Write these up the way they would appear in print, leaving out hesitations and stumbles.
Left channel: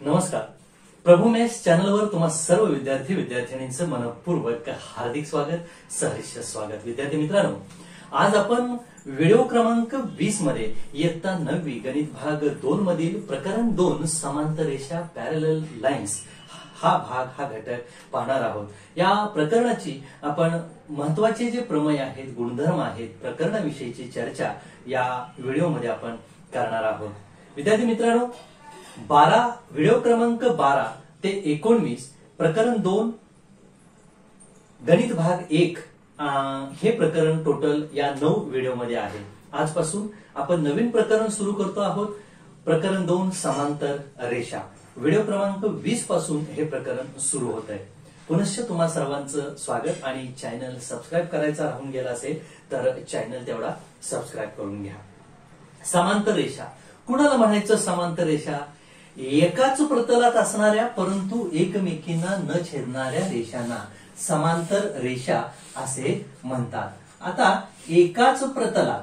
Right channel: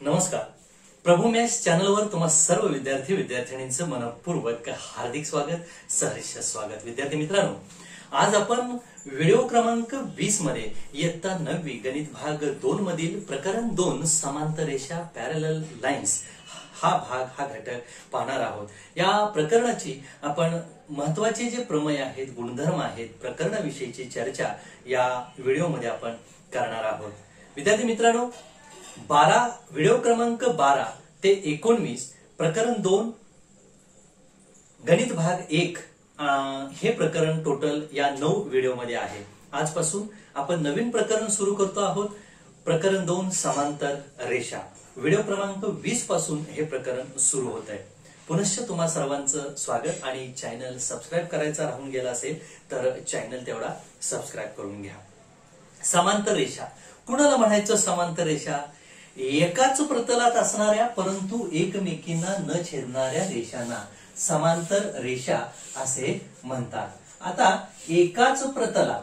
नमस्कार. प्रभू मॅथ्स चॅनलवर तुम्हा सर्व विद्यार्थ्यांचं मनपूर्वक हार्दिक स्वागत, सहर्ष स्वागत. विद्यार्थी मित्रांनो, आज आपण व्हिडिओ क्रमांक 20 मध्ये इयत्ता 9वी गणित भाग 2 मधील प्रकरण 2 समांतर रेषा पॅरलल लाईन्स हा घटक पाहणार आहोत. या प्रकरणाची आपण महत्वाचे जे प्रमेय आहेत, गुणधर्म आहेत, प्रकरणाविषयीची चर्चा या व्हिडिओमध्ये आपण करणार आहोत. विद्यार्थी मित्रांनो, व्हिडिओ क्रमांक 12 ते 19 प्रकरण 2 गणित भाग 1 हे प्रकरण टोटल या 9 व्हिडिओमध्ये आहे. आजपासून आपण नवीन प्रकरण सुरू करतो आहोत. प्रकरण 2 समांतर रेषा. व्हिडिओ क्रमांक 20 पासून हे प्रकरण सुरू होत आहे. पुनश्च तुम्हा सर्वांचं स्वागत. आणि चॅनल सबस्क्राईब करायचा राहून गेला असेल तर चॅनल तेवढा सबस्क्राईब करून घ्या. समांतर रेषा कुणाला म्हणायचं? समांतर रेषा एकाच प्रतलात असणाऱ्या परंतु एकमेकींना न छेदणाऱ्या रेषांना समांतर रेषा असे म्हणतात. आता एकाच प्रतलात,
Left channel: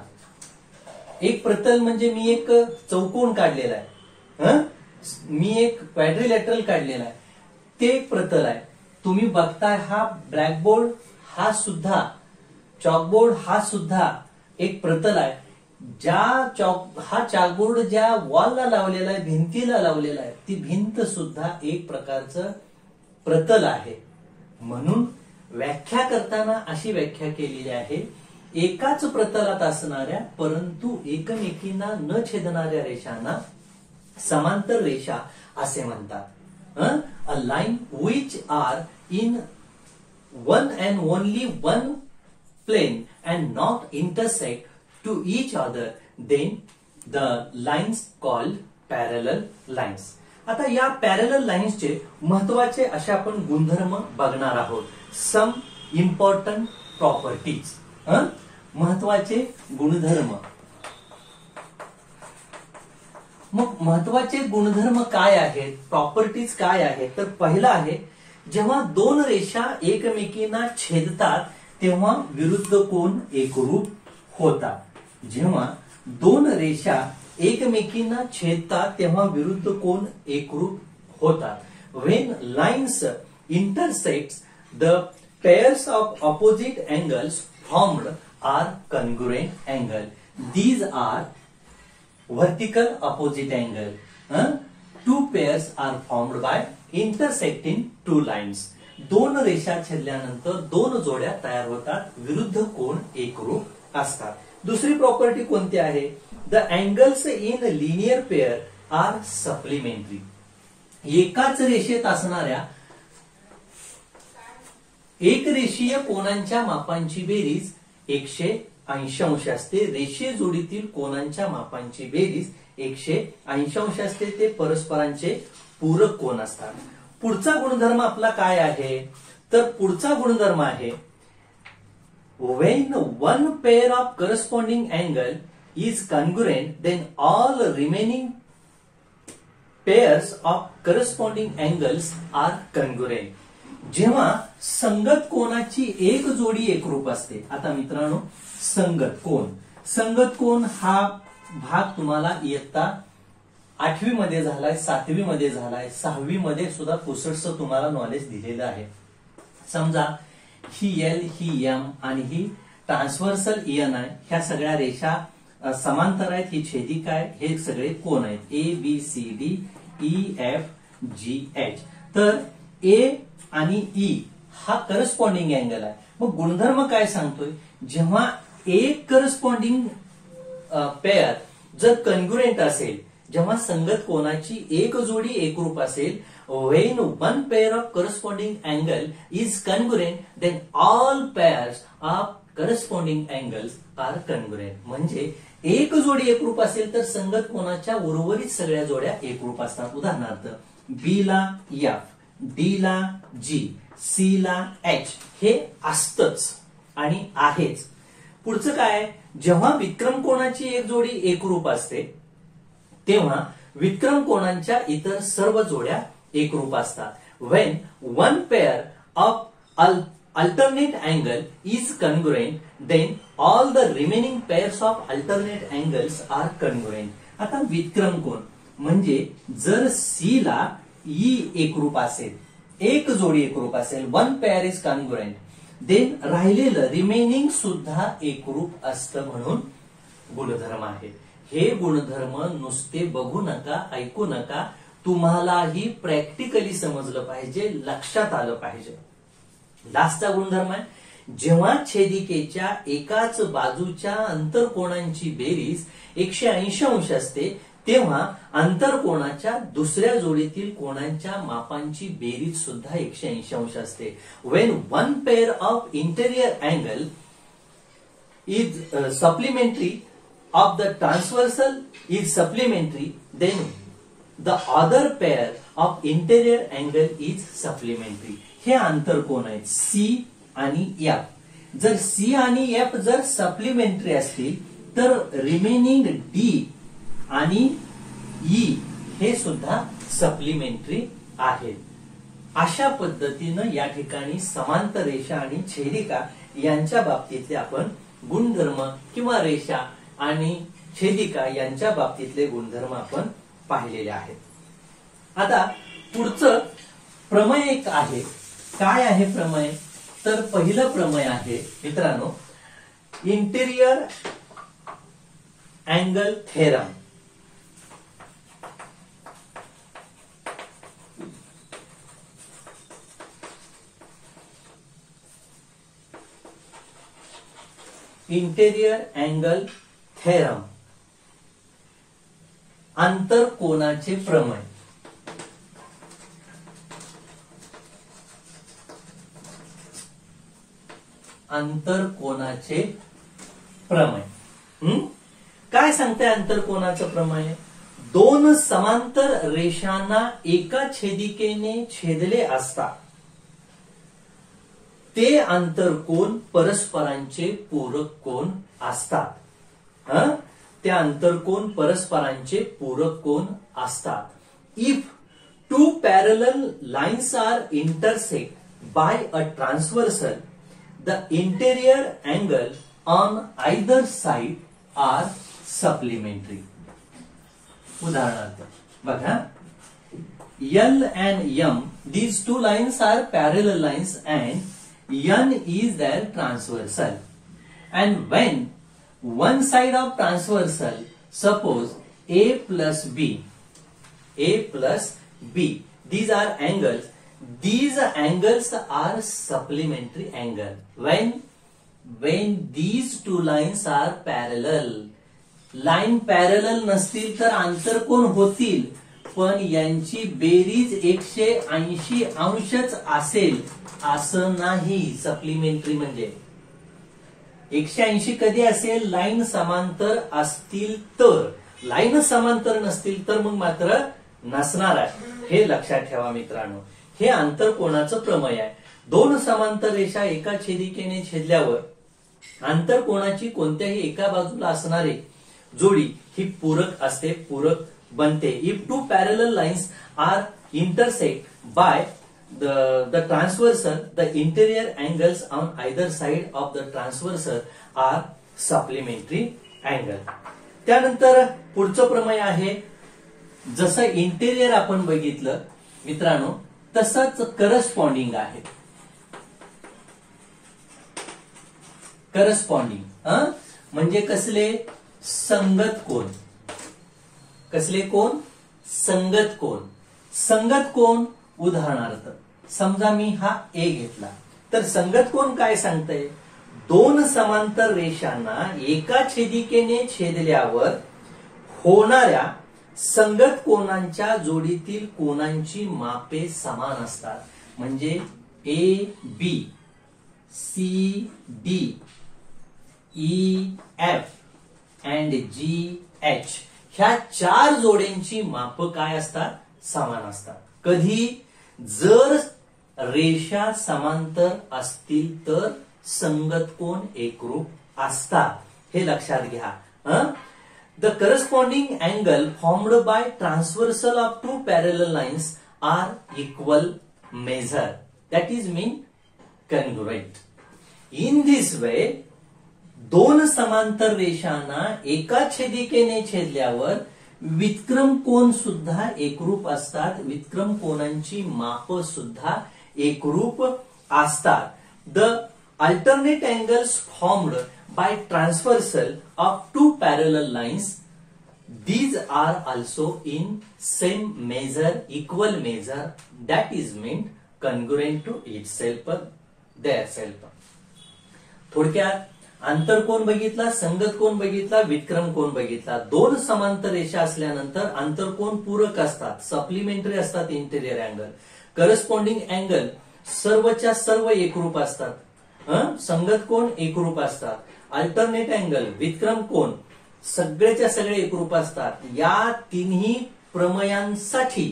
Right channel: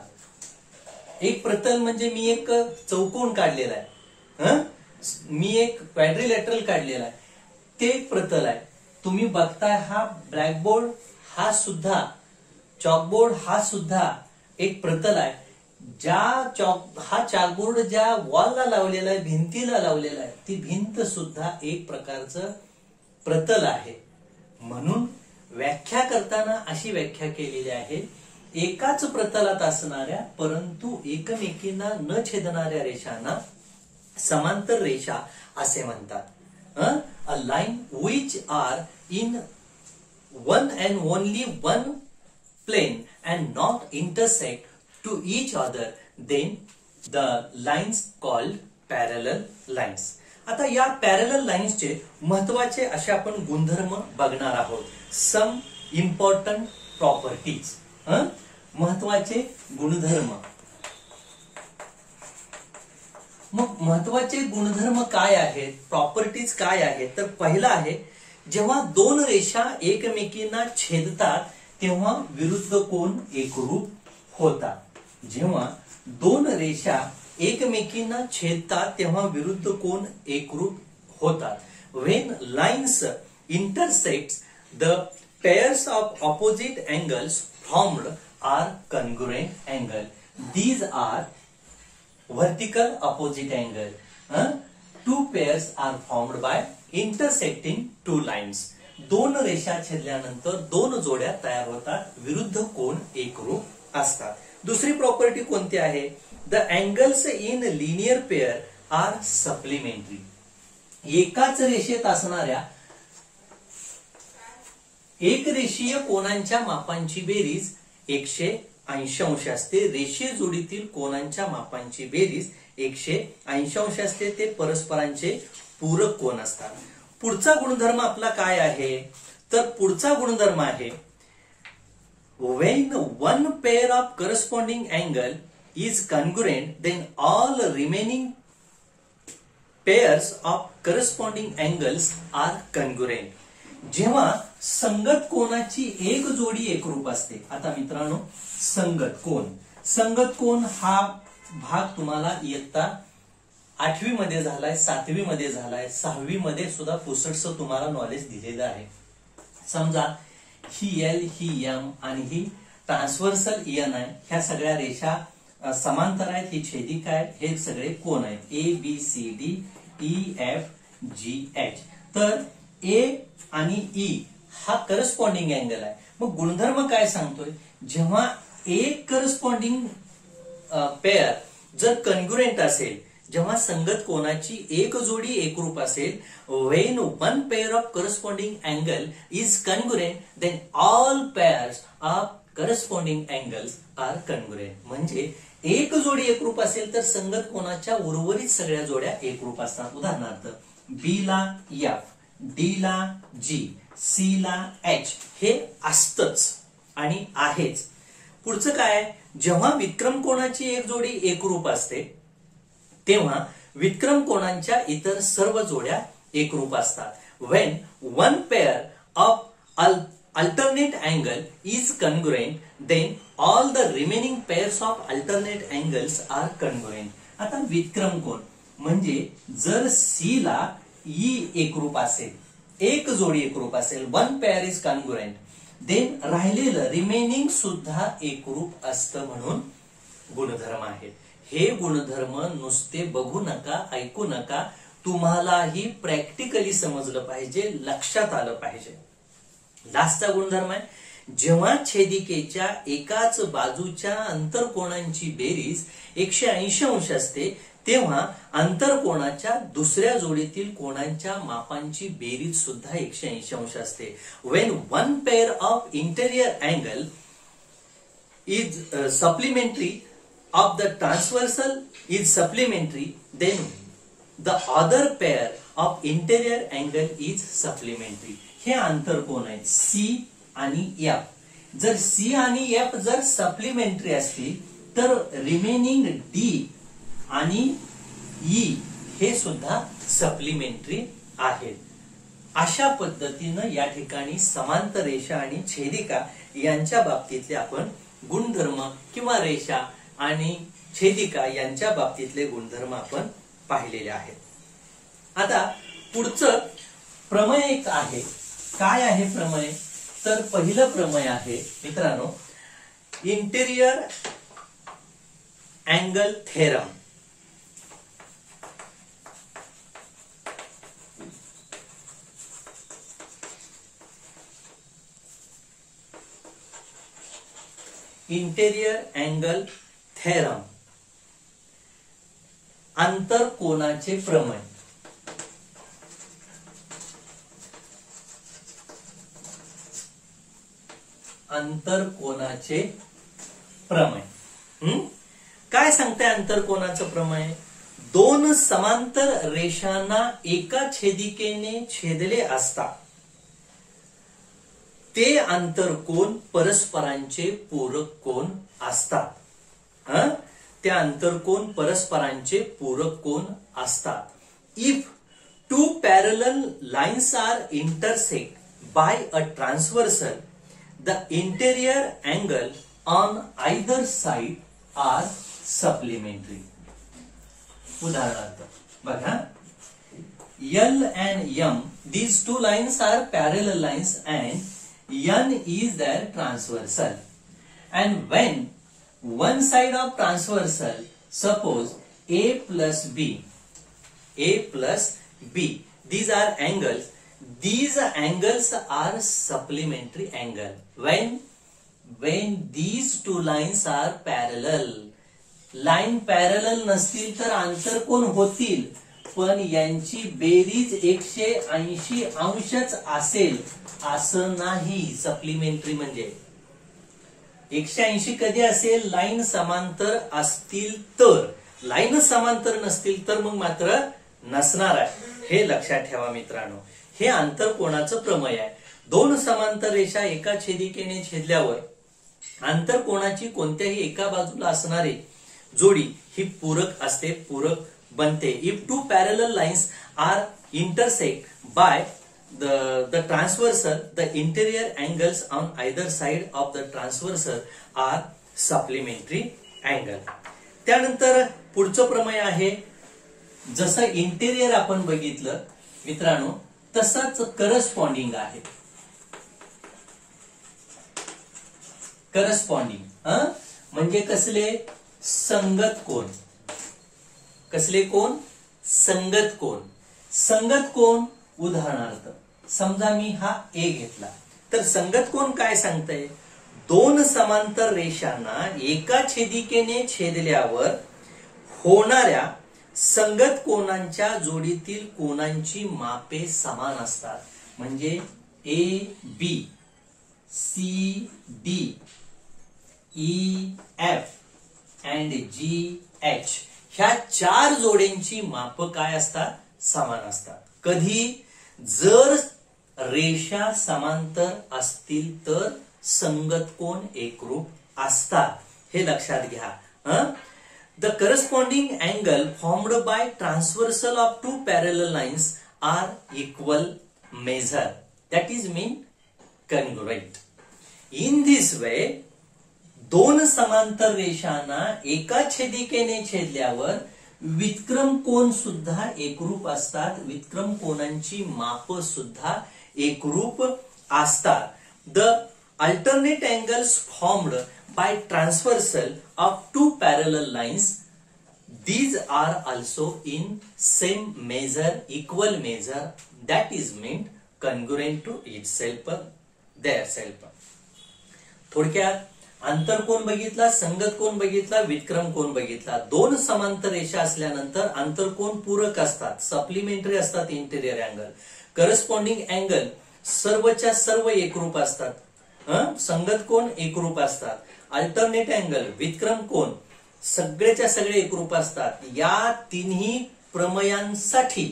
एक प्रतल म्हणजे मी एक चौकोन काढलेला आहे, मी एक क्वाड्रिलॅटरल काढलेला आहे, ते एक प्रतल आहे. तुम्ही बघताय हा ब्लॅकबोर्ड, हा सुद्धा चॉकबोर्ड, हा सुद्धा एक प्रतल आहे. हा चॉकबोर्ड ज्या वॉलला लावलेला आहे, भिंतीला लावलेला आहे, ती भिंत सुद्धा एक प्रकारचं प्रतल आहे. म्हणून व्याख्या करताना अशी व्याख्या केलेली आहे, एकाच प्रतलात असणाऱ्या परंतु एकमेकींना न छेदणाऱ्या रेषांना समांतर रेषा असे म्हणतात. A line which are in one and only one plane and not intersect to each other, then the lines called parallel lines. आता या पॅरलल लाईन्सचे महत्वाचे असे आपण गुणधर्म बघणार आहोत. सम इम्पॉर्टंट प्रॉपर्टीज, महत्वाचे गुणधर्म. मग महत्वाचे गुणधर्म काय आहेत, प्रॉपर्टीज काय आहेत? तर पहिला आहे, जेव्हा दोन रेषा एकमेकींना छेदतात तेव्हा विरुद्ध कोन एकरूप होतात. जेव्हा दोन रेषा एकमेकींना छेदतात तेव्हा विरुद्ध कोन एकरूप होतात. When lines intersect, the pairs of opposite angles formed are congruent angle. These are vertical opposite angle. Two pairs are formed by intersecting two lines. दोन रेषा छेदल्यानंतर दोन जोड्या तयार होतात, विरुद्ध कोन एकरूप असतात. दुसरी प्रॉपर्टी कोणती आहे? The angles in linear pair are supplementary. एकाच रेषेत असणाऱ्या एक रेषीय कोनांच्या मापांची बेरीज 180 अंश असते. रेषीय जोडीतील कोनांच्या मापांची बेरीज 180 अंश असते. ते परस्परांचे पूरक कोन असतात. पुढचा गुणधर्म आपला काय आहे? तर पुढचा गुणधर्म आहे, when one pair of corresponding angle is congruent, then all remaining pairs of corresponding angles are congruent. जेव्हा संगत कोनाची एक जोडी एकरूप असते. आता मित्रांनो, संगत कोन हा भाग तुम्हाला इयत्ता 8वी मध्ये झालाय, 7वी मध्ये झालाय, 6वी मध्ये सुद्धा पुसटसं तुम्हाला नॉलेज दिलेलं आहे. समजा ही एल, ही एम आणि ही ट्रान्सव्हर्सल एन आहे. ह्या सगळ्या रेषा समांतर आहेत, ही छेदिका आहे, हे सगळे कोन आहेत, A B C D E F G H. तर ए आणि ई हा करस्पॉन्डिंग अँगल आहे. मग गुणधर्म काय सांगतोय? जेव्हा एक करस्पॉन्डिंग पेअर जर कन्ग्रुएंट असेल, जेव्हा संगत कोनाची एक जोडी एकरूप असेल, when one pair of corresponding angle is congruent, then all pairs of corresponding angles are congruent. म्हणजे एक जोडी एकरूप असेल तर संगत कोनाच्या उर्वरित सगळ्या जोड्या एकरूप असतात. उदाहरणार्थ, बी ला एफ, डी ला जी, सी ला एच हे असतच आणि आहेच. पुढचं काय? जेव्हा विक्रम कोनाची एक जोडी एकरूप असते तेव्हा विक्रम कोनांच्या इतर सर्व जोड्या एकरूप असतात. When one pair of alternate angle is congruent, then all the remaining pairs of alternate angles are congruent. आता विक्रम कोन म्हणजे जर सी ला ई एकरूप असेल, एक जोडी एकरूप असेल, one pair is congruent, then राहिलेलं रिमेनिंग सुद्धा एकरूप असतं म्हणून गुणधर्म आहेत. हे गुणधर्म नुसते बघू नका, ऐकू नका, तुम्हालाही प्रॅक्टिकली समजलं पाहिजे, लक्षात आलं पाहिजे. लास्टचा गुणधर्म आहे, जेव्हा छेदिकेच्या एकाच बाजूच्या अंतरकोनांची बेरीज 180 अंश असते तेव्हा अंतरकोनाच्या दुसऱ्या जोडीतील कोणांच्या मापांची बेरीज सुद्धा 180 अंश असते. When one pair of interior angle is supplementary of the transversal is supplementary, then the other pair of interior angle is supplementary. हे आंतरकोन आहेत सी आणि एफ. जर सी आणि एफ जर सप्लिमेंटरी असतील तर रिमेनिंग डी आणि ई हे सुद्धा सप्लिमेंटरी आहेत. अशा पद्धतीनं या ठिकाणी समांतर रेषा आणि छेदिका यांच्या बाबतीतले आपण गुणधर्म किंवा रेषा आणि छेदिका यांच्या बाबतीतले गुणधर्म आपण पाहिलेले आहेत. आता पुढचं प्रमेय एक आहे. काय आहे प्रमेय? तर पहिलं प्रमेय आहे मित्रांनो interior angle theorem. Interior angle theorem, आंतरकोनाचे प्रमेय. आंतरकोनाचे प्रमेय काय सांगते? आंतरकोनाचं प्रमेय, दोन समांतर रेषांना एका छेदिकेने छेदले असता ते आंतरकोन परस्परांचे पूरक कोन असतात. ते आंतरकोन परस्परांचे पूरक कोन असतात. If two parallel lines are intersect by a transversal, the interior angle on either side are supplementary. उदाहरणार्थ बघा, L and M, these two lines are parallel lines and N is their transversal. And when one side of transversal, suppose A plus B, these are angles. These angles are supplementary angle. When these two lines are parallel, line parallel नसतील तर आंतरकोन होतील, पण यांची बेरीज 180 अंशच असेल असं नाही. Supplementary म्हणजे 180 कधी असेल? लाईन समांतर असतील तर. लाईन समांतर नसतील तर मग मात्र नसणार आहे. हे लक्षात ठेवा मित्रांनो. हे आंतरकोनाचं प्रमेय आहे. दोन समांतर रेषा एका छेदिकेने छेदल्यावर आंतरकोनाची कोणत्याही एका बाजूला असणारी जोडी ही पूरक असते, पूरक बनते. If two parallel lines are intersect by the transversal, the interior angles on either side of the transversal are supplementary angle. त्यानंतर पुढचं प्रमेय आहे, जसं इंटेरियर आपण बघितलं मित्रांनो तसंच करस्पॉन्डिंग आहे. करस्पॉन्डिंग म्हणजे कसले? संगत कोन. कसले कोन? संगत कोन. संगत कोन उदाहरणार्थ समजा मी हा ए घेतला तर संगत कोन काय सांगतंय? दोन समांतर रेषांना एका छेदिकेने छेदल्यावर होणाऱ्या संगत कोनांच्या जोडीतील कोनांची मापे समान असतात. म्हणजे A B, C D, E F and G H ह्या चार जोड्यांची माप काय असतात? समान असतात. कधी? जर रेषा समांतर असतील तर संगत कोन एकरूप असतात. हे लक्षात घ्या. The corresponding angle formed by transversal of two parallel lines are equal measure, that is mean congruent. In this way दोन समांतर रेषांना एका छेदिकेने छेदल्यावर विक्रम कोन सुद्धा एकरूप असतात, विक्रम कोनांची माप सुद्धा एकरूप असतात. The alternate angles formed by transversal of two parallel lines, these are also in same measure, equal measure, that is meant congruent to itself, their self. थोडक्यात आंतरकोन बघितला, संगत कोन बघितला, विक्रम कोन बघितला. दोन समांतर रेषा असल्यानंतर आंतरकोन पूरक असतात, सप्लिमेंटरी असतात इंटेरियर अँगल. करस्पॉन्डिंग अँगल सर्वच्या सर्व एकरूप असतात, संगत कोन एकरूप असतात. अल्टरनेट अँगल, विक्रम कोन सगळेच्या सगळे एकरूप असतात. या तिन्ही प्रमेयांसाठी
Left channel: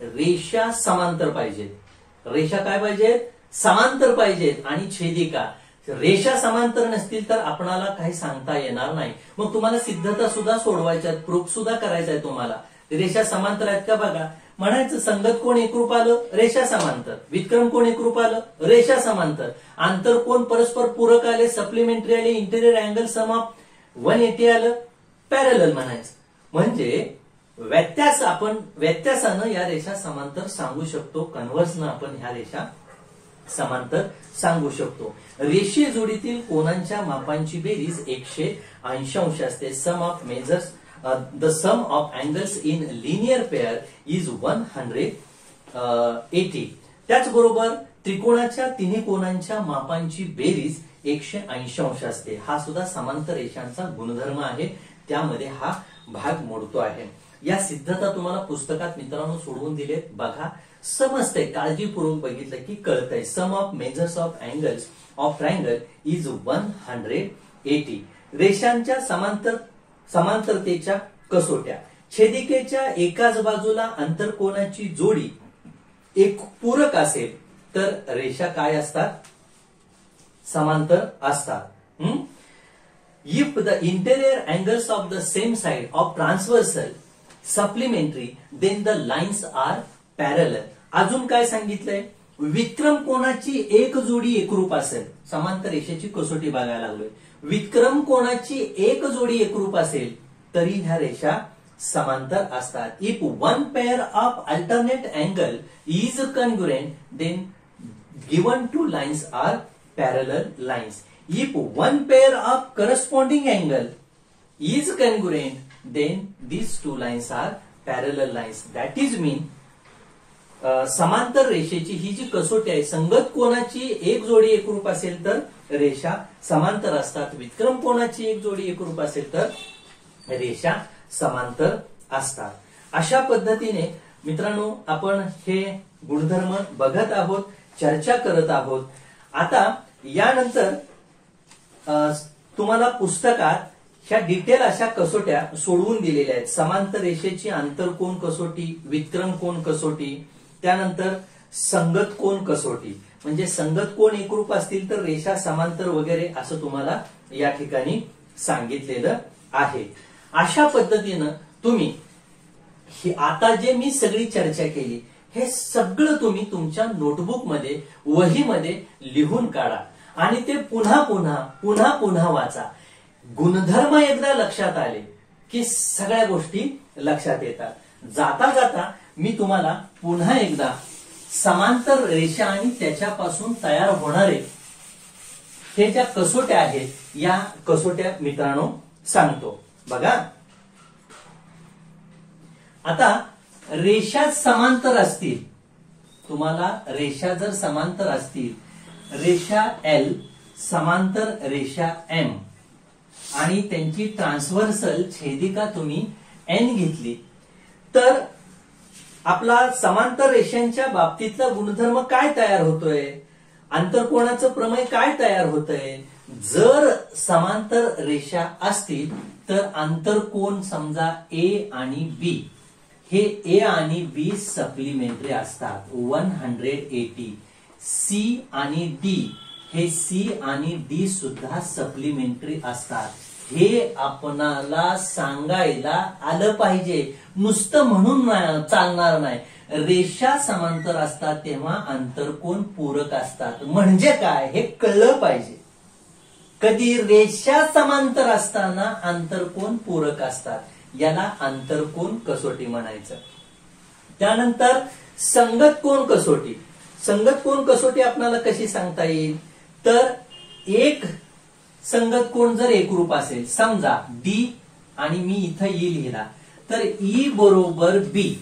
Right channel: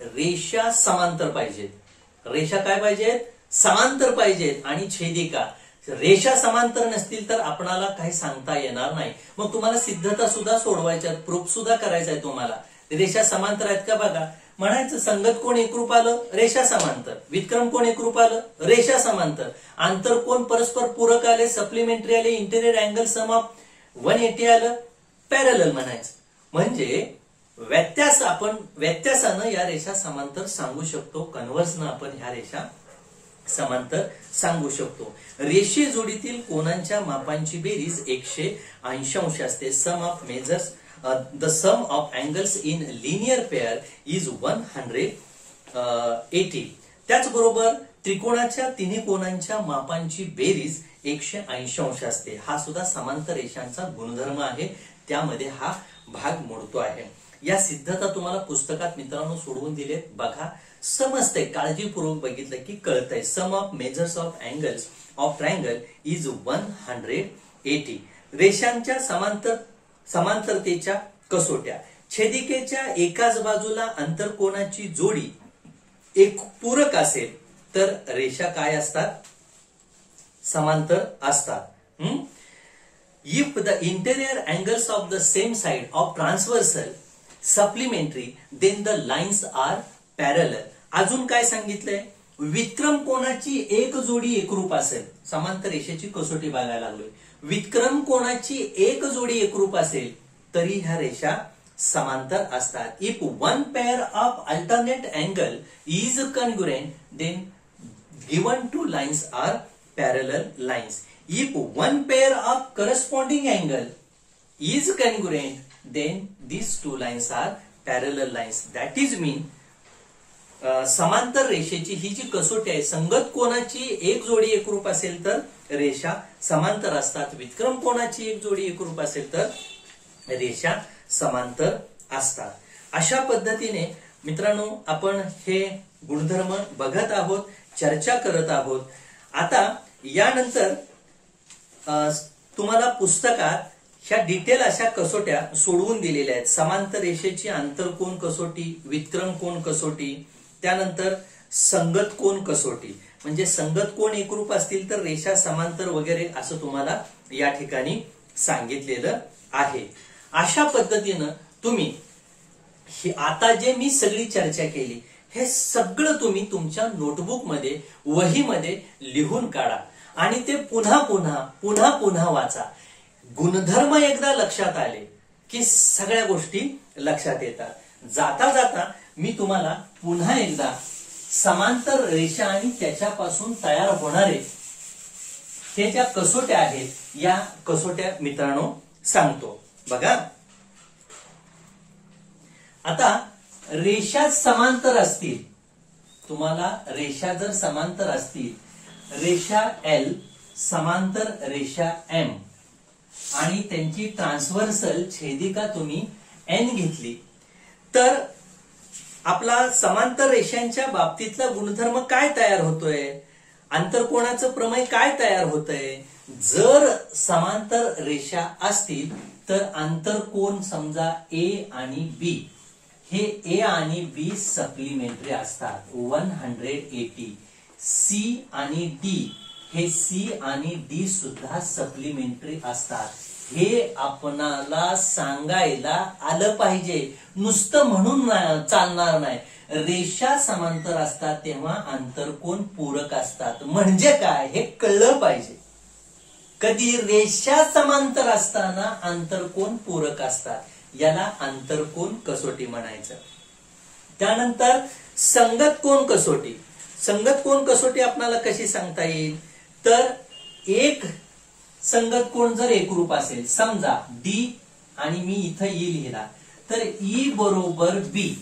रेषा समांतर पाहिजेत. रेषा काय पाहिजेत? समांतर पाहिजेत. आणि छेदिका रेषा समांतर नसतील तर आपणाला काही सांगता येणार नाही. मग तुम्हाला सिद्धता सुद्धा सोडवायच्या, प्रूफ सुद्धा करायचा आहे तुम्हाला. रेषा समांतर आहेत का बघा. म्हणायचं संगत कोण एकरूप आलं, रेषा समांतर. विक्रम कोण एकरूप आलं, रेषा समांतर. आंतरकोन परस्पर पूरक आले, सप्लिमेंटरी आले, इंटेरियर अँगल सम ऑफ 180 आलं, पॅरलल म्हणायचं. म्हणजे व्यत्यासानं या रेषा समांतर सांगू शकतो, कन्व्हर्सनं आपण ह्या रेषा समांतर सांगू शकतो. रेषे जोडीतील कोनांच्या मापांची बेरीज 180 अंश असते. Sum of measures, the sum of angles in linear pair is 180. त्याचबरोबर त्रिकोणाच्या तिन्ही कोनांच्या मापांची बेरीज 180 अंश असते. हा सुद्धा समांतर रेषांचा गुणधर्म आहे, त्यामध्ये हा भाग मोडतो आहे. या सिद्धता तुम्हाला पुस्तकात मित्रांनो सोडवून दिले, बघा समजतंय. काळजीपूर्वक बघितलं की कळतंय. Sum of measures of angles of triangle is 180. रेषांच्या समांतरतेच्या कसोट्या. छेदिकेच्या एकाच बाजूला आंतरकोनाची जोडी एक पूरक असेल तर रेषा काय असतात? समांतर असतात. If the interior angles of the same side of transversal supplementary, then the lines are parallel. अजून काय सांगितलंय? विक्रम कोनाची एक जोडी एकरूप असेल. समांतर रेषेची कसोटी बघायला लागलोय. विक्रम कोनाची एक जोडी एकरूप असेल तरी ह्या रेषा समांतर असतात. If one pair of alternate angle is congruent, then given two lines are parallel lines. If one pair of corresponding angle is congruent, then these two lines are parallel lines. That is mean समांतर रेषेची ही जी कसोटी आहे, संगत कोनाची एक जोडी एकरूप असेल तर रेषा समांतर असतात. विक्रम कोनाची एक जोडी एकरूप असेल तर रेषा समांतर असतात. अशा पद्धतीने मित्रांनो आपण हे गुणधर्म बघत आहोत, चर्चा करत आहोत. आता यानंतर तुम्हाला पुस्तकात ह्या डिटेल अशा कसोट्या सोडवून दिलेल्या आहेत. समांतर रेषेची आंतरकोन कसोटी, विक्रम कोन कसोटी, त्यानंतर संगत कोन कसोटी. म्हणजे संगत कोन एकरूप असतील तर रेषा समांतर वगैरे असं तुम्हाला या ठिकाणी सांगितलेलं आहे. अशा पद्धतीनं तुम्ही आता जे मी सगळी चर्चा केली हे सगळं तुम्ही तुमच्या नोटबुक मध्ये, वहीमध्ये लिहून काढा आणि ते पुन्हा पुन्हा वाचा. गुणधर्म एकदा लक्षात आले की सगळ्या गोष्टी लक्षात येतात. जाता जाता मी तुम्हाला पुन्हा एकदा समांतर रेषा आणि त्याच्यापासून तयार होणारे हे ज्या कसोट्या आहेत या कसोट्या मित्रांनो सांगतो. बघा आता रेषा समांतर असतील, तुम्हाला रेषा जर समांतर असतील, रेषा L समांतर रेषा M आणि त्यांची ट्रान्सव्हर्सल छेदिका तुम्ही N घेतली तर आपला समांतर रेषांच्या बाबतीतला गुणधर्म काय तयार होतोय? आंतरकोनाचं प्रमेय काय तयार होतंय? जर समांतर रेषा असतील तर आंतरकोन समजा A आणि B हे A आणि B सप्लिमेंटरी असतात 180. C आणि D हे C आणि D सुद्धा सप्लिमेंटरी असतात. हे आपणाला सांगायला आलं पाहिजे, नुसतं म्हणून चालणार नाही. रेषा समांतर असतात तेव्हा आंतरकोन पूरक असतात म्हणजे काय हे कळलं पाहिजे. कधी रेषा समांतर असताना आंतरकोन पूरक असतात याला आंतरकोन कसोटी म्हणायचं. त्यानंतर संगत कोन कसोटी. संगत कोन कसोटी आपल्याला कशी सांगता येईल, तर एक संगत कोन जर एकरूप असेल, समजा डी आणि मी इथं ई लिहिला, तर ई बरोबर बी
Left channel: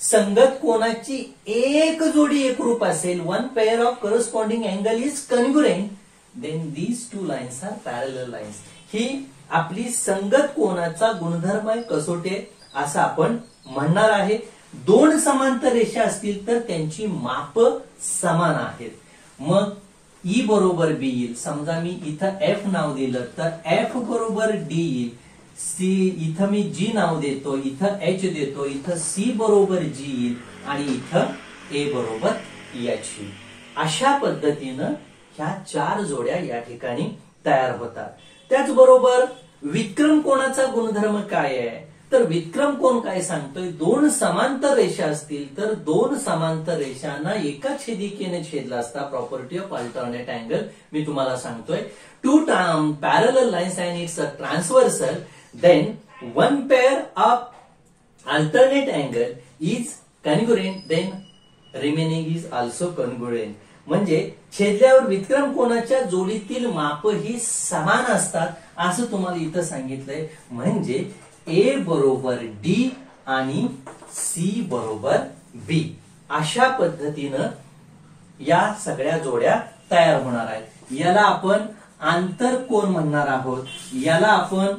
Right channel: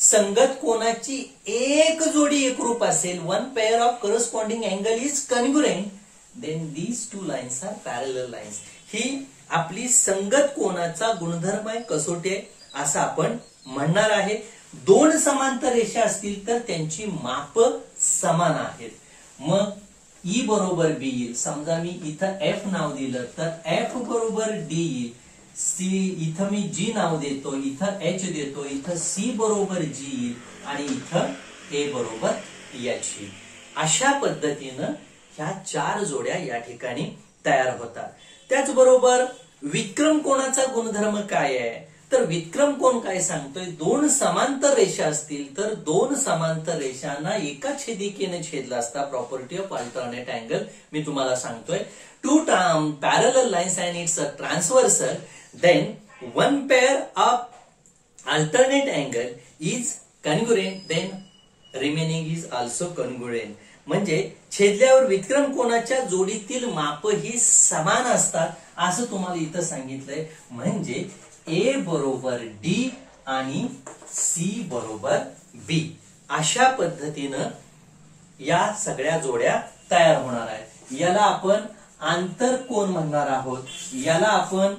संगत कोनाची एक जोडी एकरूप असेल, one pair of corresponding angle is congruent, then these two lines are parallel lines. ही आपली संगत कोनाचा गुणधर्म आहे, कसोटी आहे असं आपण म्हणणार आहे. दोन समांतर रेषा असतील तर त्यांची माप समान आहेत. मग ई बरोबर बी येईल. समजा मी इथं एफ नाव दिलं तर एफ बरोबर डी येईल. सी इथं मी जी नाव देतो, इथं एच देतो, इथं सी बरोबर जी येईल आणि इथं ए बरोबर एच येईल. अशा पद्धतीनं ह्या चार जोड्या या ठिकाणी तयार होतात. त्याचबरोबर विक्रम कोणाचा गुणधर्म काय आहे, तर विक्रम कोण काय सांगतोय, दोन समांतर रेषा असतील तर दोन समांतर रेषांना एका छेदिकेने छेदला असता. प्रॉपर्टी ऑफ अल्टरनेट अँगल मी तुम्हाला सांगतोय. Two parallel lines and it's a transversal, then one pair of alternate angle is congruent, then remaining is also congruent. म्हणजे छेदल्यावर विक्रम कोनाच्या जोडीतील माप ही समान असतात असं तुम्हाला इथं सांगितलंय. म्हणजे ए बरोबर डी आणि सी बरोबर बी अशा पद्धतीनं या सगळ्या जोड्या तयार होणार आहेत. याला आपण आंतरकोन म्हणणार आहोत, याला आपण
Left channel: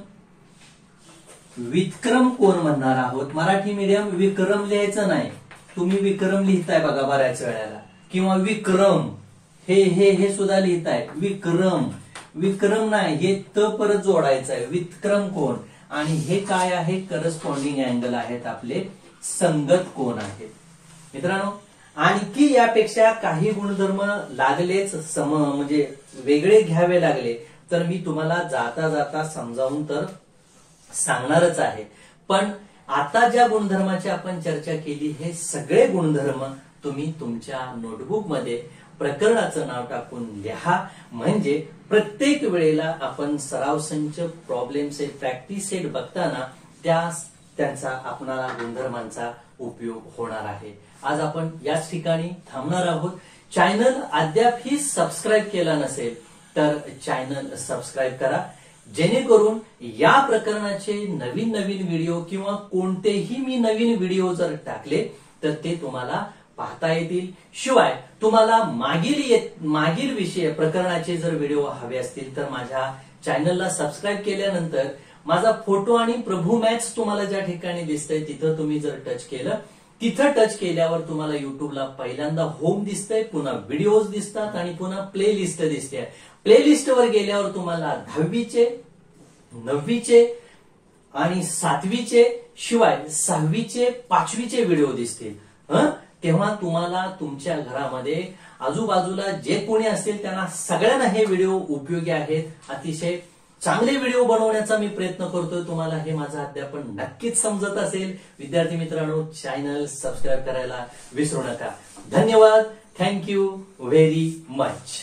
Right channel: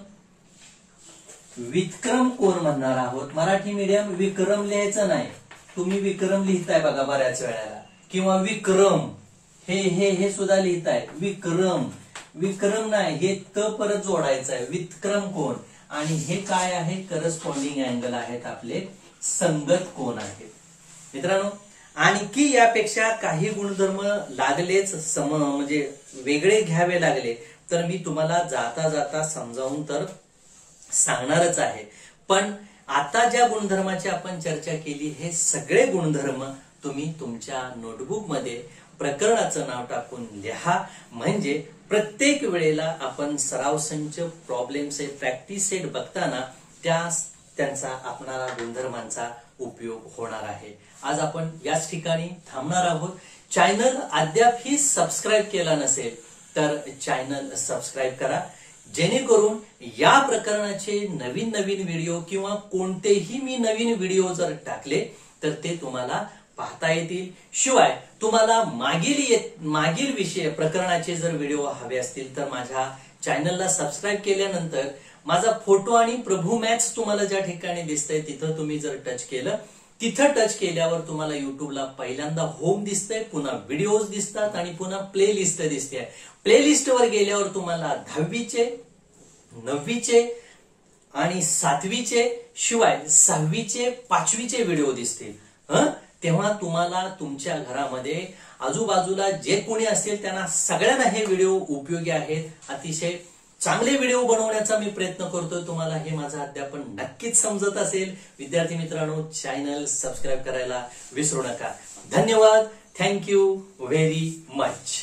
विक्रम कोन म्हणणार आहोत. मराठी मीडियम विक्रम लिहायचं नाही, तुम्ही विक्रम लिहिताय बघा बऱ्याच वेळेला, किंवा विक्रम हे हे हे सुद्धा लिहिताय. विक्रम विक्रम नाही, हे त परत जोडायचं आहे. विक्रम कोन आणि हे काय आहे, करस्पॉन्डिंग अँगल आहेत, आपले संगत कोन आहेत. मित्रांनो, आणखी यापेक्षा काही गुणधर्म लागलेच म्हणजे वेगळे घ्यावे लागले तर मी तुम्हाला जाता जाता समजावून तर सांगणारच आहे. पण आता ज्या गुणधर्माची आपण चर्चा केली, हे सगळे गुणधर्म तुम्ही तुमच्या नोटबुक मध्ये प्रकरणाचं नाव टाकून लिहा. म्हणजे प्रत्येक वेळेला आपण सराव संच, प्रॉब्लेम सेट, प्रॅक्टिस सेट बघताना त्यांचा आपणाला गुणधर्मांचा उपयोग होणार आहे. आज आपण याच ठिकाणी थांबणार आहोत. चॅनल अद्याप ही सबस्क्राईब केला नसेल तर चॅनल सबस्क्राईब करा, जेणेकरून या प्रकरणाचे नवीन नवीन व्हिडिओ किंवा कोणतेही मी नवीन व्हिडिओ जर टाकले तर ते तुम्हाला पाहता येतील. शिवाय तुम्हाला मागील विषय प्रकरणाचे जर व्हिडिओ हवे असतील तर माझ्या चॅनलला सबस्क्राईब केल्यानंतर माझा फोटो आणि प्रभू मॅथ्स तुम्हाला ज्या ठिकाणी दिसतंय तिथं तुम्ही जर टच केलं, तिथं टच केल्यावर तुम्हाला युट्यूबला पहिल्यांदा होम दिसतंय, पुन्हा व्हिडिओज दिसतात आणि पुन्हा प्ले लिस्ट दिसते. प्ले लिस्ट वर गेल्यावर तुम्हाला 10वीचे, 9वीचे आणि 7वीचे शिवाय 6वीचे, 5वीचे व्हिडिओ दिसतील. तेव्हा तुम्हाला तुमच्या घरामध्ये आजूबाजूला जे कोणी असतील त्यांना सगळ्यांना हे व्हिडिओ उपयोगी आहेत. अतिशय चांगले व्हिडिओ बनवण्याचा मी प्रयत्न करतोय. तुम्हाला हे माझं अध्यापन नक्कीच समजत असेल. विद्यार्थी मित्रांनो, चॅनल सबस्क्राईब करायला विसरू नका. धन्यवाद. Thank you very much.